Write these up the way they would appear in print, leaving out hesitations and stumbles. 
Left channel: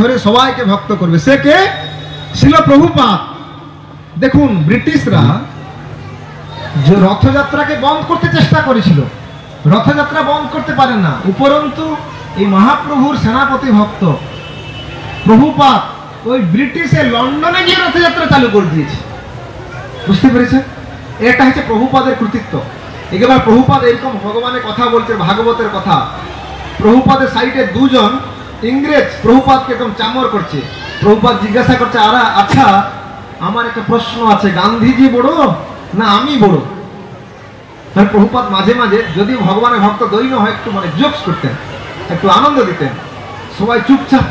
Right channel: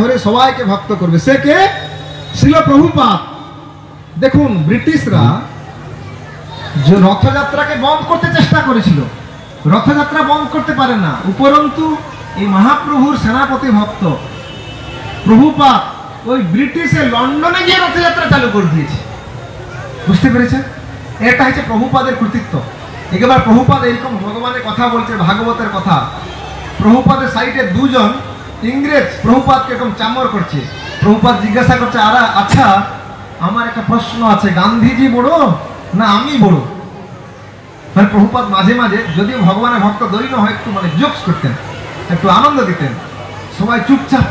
ধরে সবাইকে ভক্ত করবে। সে কে? ছিল প্রভুপাদ। দেখুন, ব্রিটিশরা যে রথযাত্রাকে বন্ধ করতে চেষ্টা করেছিল, রথযাত্রা বন্ধ করতে পারেন না। উপরন্তু এই মহাপ্রভুর সেনাপতি ভক্ত প্রভুপাদ ওই ব্রিটিশে লন্ডনে গিয়ে রথযাত্রা চালু করে দিয়েছে। বুঝতে পেরেছেন? এটা হচ্ছে প্রভুপাদের কৃতিত্ব। এবার প্রভুপাদ এরকম ভগবানের কথা বলছে, ভাগবতের কথা। প্রভুপাদের সাইডে দুজন ইংরেজ প্রভুপাদকে এরকম চামর করছে। প্রভুপাদ জিজ্ঞাসা করছে, আচ্ছা আমার একটা প্রশ্ন আছে, গান্ধীজি বড় না আমি বড়? তাহলে প্রভুপাদ মাঝে মাঝে যদিও ভগবানের ভক্ত দৈন্য হয় একটু মানে জোকস করতেন, একটু আনন্দ দিতেন। সবাই চুপচাপ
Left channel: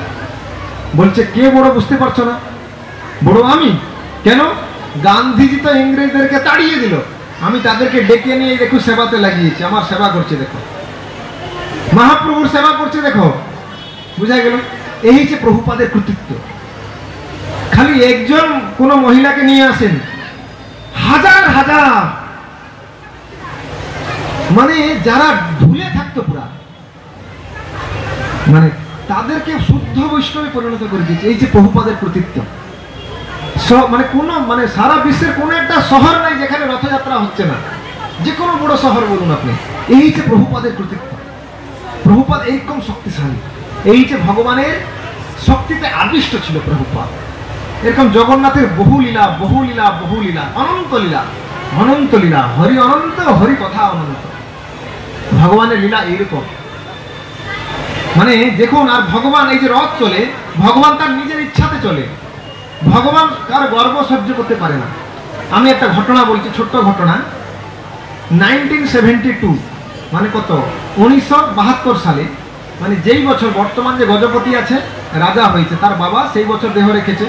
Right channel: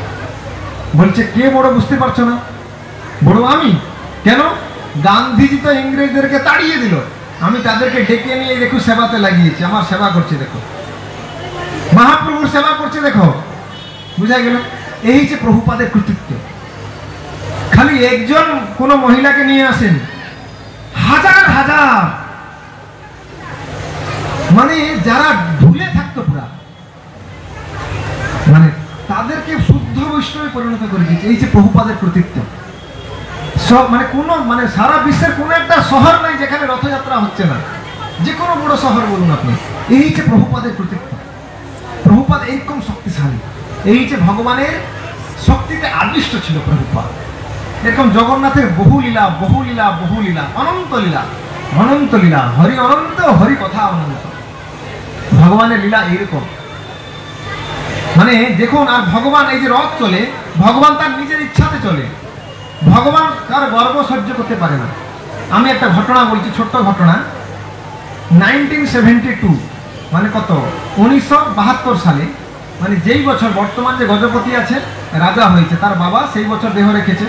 বলছে, কে বড় বুঝতে পারছো না? বড় আমি। কেন? গান্ধীজি তো ইংরেজদেরকে তাড়িয়ে দিল, আমি তাদেরকে ডেকে নিয়ে দেখো সেবাতে লাগিয়েছি, আমার সেবা করছে দেখো, মহাপ্রভুর সেবা করছে দেখো। বুঝা গেল? এই যে প্রভুপাদের কৃতিত্ব। খালি একজন কোন মহিলাকে নিয়ে আসেন, হাজার হাজার মানে যারা ভুলে থাকতো পুরা, মানে তাদেরকে শুদ্ধ বৈষ্ণবে পরিণত করে দিয়েছে। এই যে প্রভুপাদের কৃতিত্ব। মানে কোন মানে সারা বিশ্বের কোন একটা শহর নাই যেখানে রথযাত্রা হচ্ছে না। যে কোনো বড় শহর বলুন আপনি, এই যে প্রভুপাদের কৃতিত্ব। প্রভুপাদ এইরকম শক্তিশালী, এই যে ভগবানের শক্তিতে আদিষ্ট ছিল প্রভুপাদ। এরকম জগন্নাথের বহু লীলা, বহু লীলা, বহু লীলা, অনন্ত লীলা, অনন্ত লীলা, হরি অনন্ত, হরি কথা অনন্ত। ভগবানের লীলা এইরকম। মানে দেখুন, আর ভগবান এই যে রথ চলে, ভগবান তার নিজের ইচ্ছাতে চলে। ভগবান তার গর্ব সহ্য করতে পারে না। আমি একটা ঘটনা বলছি, ছোট্ট ঘটনা। 1972 মানে কত, 1972 সালে, মানে যেই বছর বর্তমান যে গজপতি আছে রাজা হয়েছে, তার বাবা সেই বছর দেহ রেখেছে।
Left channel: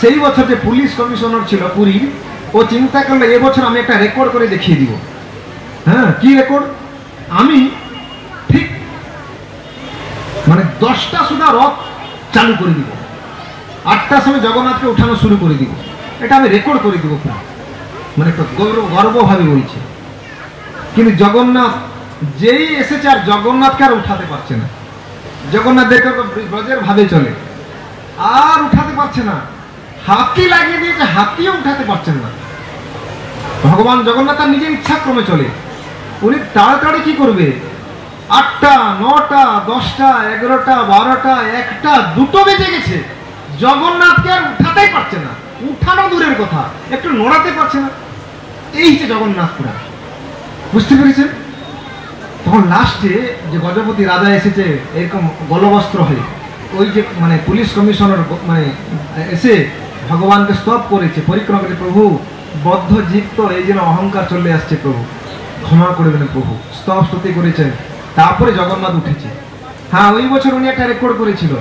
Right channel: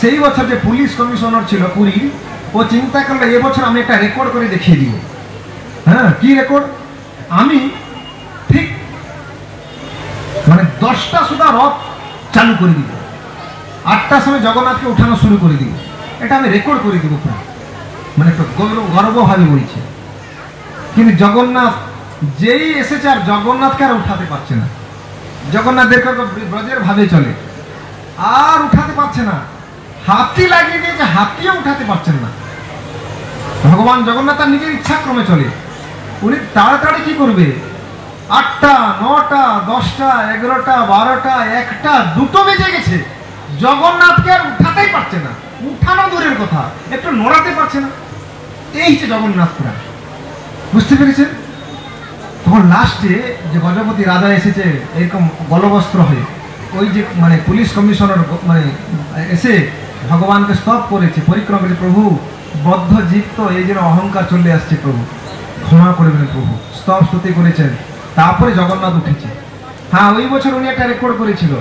সেই বছর যে পুলিশ কমিশনার ছিল পুরীর, ও চিন্তা করলো এবছর আমি একটা রেকর্ড করে দেখিয়ে দিব। হ্যাঁ, কি রেকর্ড? আমি ঠিক মানে 10টা সুদ্ধা রথ চালু করে দিব, 8টার সময় জগন্নাথকে উঠানো শুরু করে দিব। এটা আমি রেকর্ড করে দিব। মানে একটা গর্বভাবে বলছি। কিন্তু জগন্নাথ যেই এসেছে আর জগন্নাথকে আর উঠাতে পারছে না। জগন্নাথ দেখে ব্রজের ভাবে চলে, আর উঠাতে পারছে না। হাতি লাগিয়ে দিয়েছে, হাতিও উঠাতে পারছেন না। ভগবান জগন্নাথ তার নিজের ইচ্ছা ক্রমে চলে। উনি তাড়াতাড়ি কি করবে? 8টা, 9টা, 10টা, 11টা, 12টা, 1টা, 2টো বেজে গেছে, জগন্নাথকে আর উঠাতেই পারছে না। উঠানো দূরের কথা, একটু নড়াতে পারছে না। এই যে জগন্নাথ পুরা, বুঝতে পেরেছেন? তখন লাস্টে যে গজপতি রাজা এসেছে এরকম গলবস্ত্র হয়ে, ওই যে মানে পুলিশ কমিশনার মানে এসে ভগবানকে স্তব করেছে, পরিক্রমা করেছে, প্রভু বদ্ধ জীব তো এই জন্য অহংকার চলে আসছে, প্রভু ক্ষমা করে দেবেন। প্রভু স্তব স্তুতি করেছেন, তারপরে জগন্নাথ উঠেছে। হ্যাঁ, ওই বছর উনি একটা রেকর্ড করেছিল।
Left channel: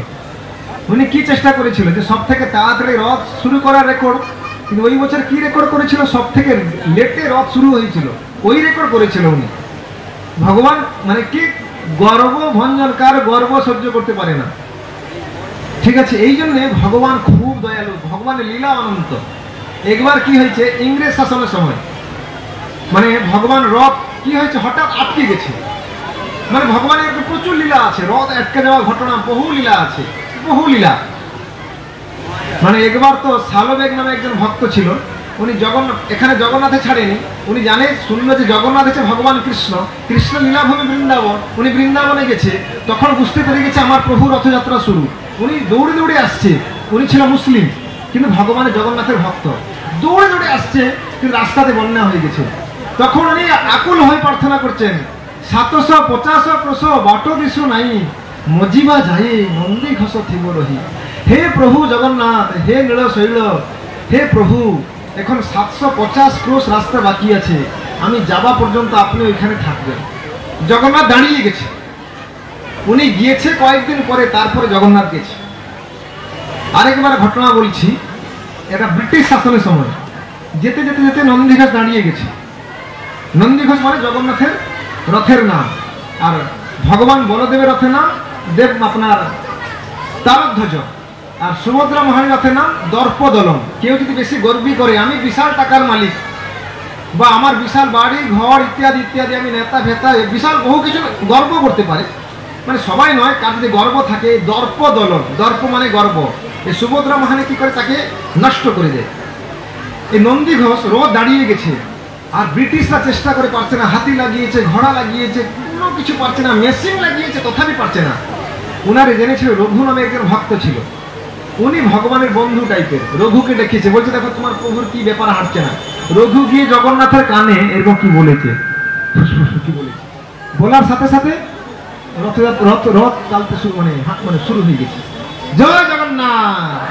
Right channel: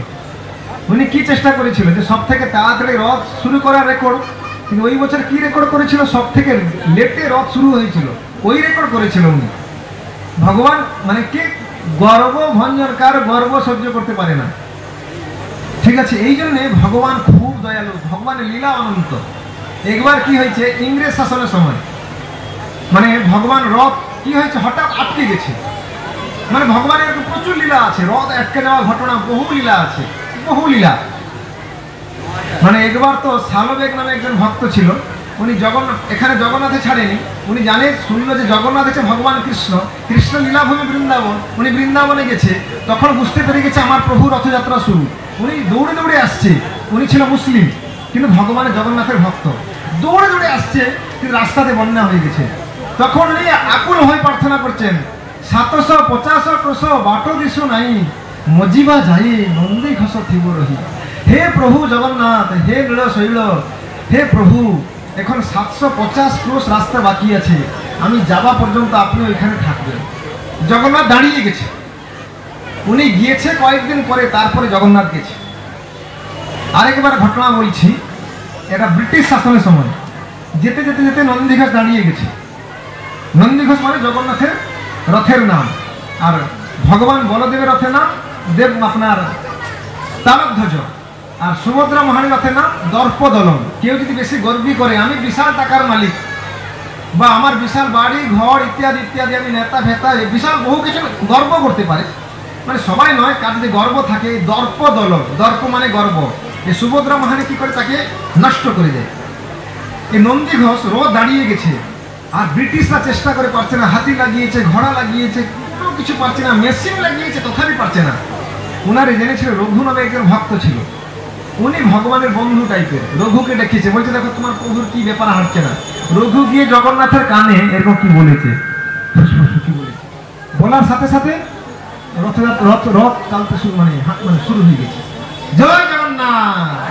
উনি কি চেষ্টা করেছিল যে সব থেকে তাড়াতাড়ি রথ শুরু করার রেকর্ড। কিন্তু ওই বছর কি রেকর্ড করেছিল? সব থেকে লেটে রথ শুরু হয়েছিল, ওই রেকর্ড করেছিল উনি। ভগবান মানে কি গর্ব ভঞ্জন, কার গর্ব সহ্য করতে পারে না। ঠিক আছে, এই জন্যে ভগবান খুব দয়ালু, ভগবানের লীলা অনন্ত। একবার কি হয়েছে, ইংরেজ শাসনের সময় মানে ভগবান রথ কি হয়েছে হঠাৎ আটকে গেছে। মানে ভগবানের প্রচুর লীলা আছে, রথ আটকে যাওয়া ঘটনা বহু লীলা আছে, বহু লীলা। মানে একবার তো সালবেগ নামে একজন ভক্ত ছিল, উনি এখানে জগন্নাথে ছাড়েনি। উনি জানে, শুনলো যে জগন্নাথ আছে ভগবান কৃষ্ণ, কৃষ্ণ লীলাভূমি বৃন্দাবন। উনি বৃন্দাবনে গেছে, তখন বুঝতে পেরে গেছে আমার প্রভু রথযাত্রা শুরু। উনি দৌড়ে দৌড়ে আসছে। উনি ছিল মুসলিম, কিন্তু ভগবানের জগন্নাথের ভক্ত। দৌড়ে দৌড়ে আসছে, কিন্তু রাস্তাতে বন্যা হয়ে গেছে। তখন উনি আকুল হয়ে প্রার্থনা করছেন, 750 ক্রোশ বাট দিশু নাই, মজিবা যাই নন্দী ঘোষ থিব রহি। হে প্রভু জগন্নাথ, হে নীল শৈল, হে প্রভু, এখন 750 ক্রোশ রাস্তা বাকি আছে, আমি যাওয়া পর্যন্ত আপনি ওইখানে থাকবেন। জগন্নাথ দাঁড়িয়ে গেছে। উনি গিয়েছে কয়েকদিন পরে, তারপরে জগন্নাথ গেছে। আরেকবার ঘটনা বলছি, এটা ব্রিটিশ শাসনের সময়। যেতে যেতে যেতে নন্দীঘোষ দাঁড়িয়ে গেছে। নন্দীঘোষ মানে জগন্নাথের রথের নাম, আর ভগবান বলদেবের রথের নাম দেব আপনার তারধ্বজ, আর সুভদ্রা মহারানীর রথের নাম দর্পদলন। কেউ যদি বেশি গর্বী করে আমি বিশাল টাকার মালিক বা আমার বিশাল বাড়ি ঘর ইত্যাদি ইত্যাদি, আমি নেতা ফেতা বিশাল বহু কিছু গর্ব করতে পারে, মানে সবাই নয়, কার যদি গর্ব থাকে, দর্প দল, দর্প মানে গর্ব, এই সুভদ্রা মহারানী কি করে তাকে নষ্ট করে দেয়। এই নন্দী ঘোষ রোজ দাঁড়িয়ে গেছে, আর ব্রিটিশরা চেষ্টা করে পারছে না, হাতি লাগিয়েছে, ঘোড়া লাগিয়েছে, কোনো কিছু পারছে না, মেশিন লাগিয়েছে, তথাপি পারছে না। উনারে জেনেছিল রঘু নামে একজন ভক্ত ছিল, উনি ভগবানের বন্ধু টাইপের, রঘুকে ডেকেছে, বলছে দেখো তোমার প্রভুর কি ব্যাপার হাঁটছে না। রঘু গিয়ে জগন্নাথের কানে এরকম কি বলেছে, কি বলেছে, বলার সাথে সাথে রথ রথ রথ চালতে শুরু, মানে শুরু হয়ে গেছে। জয় জগন্নাথ।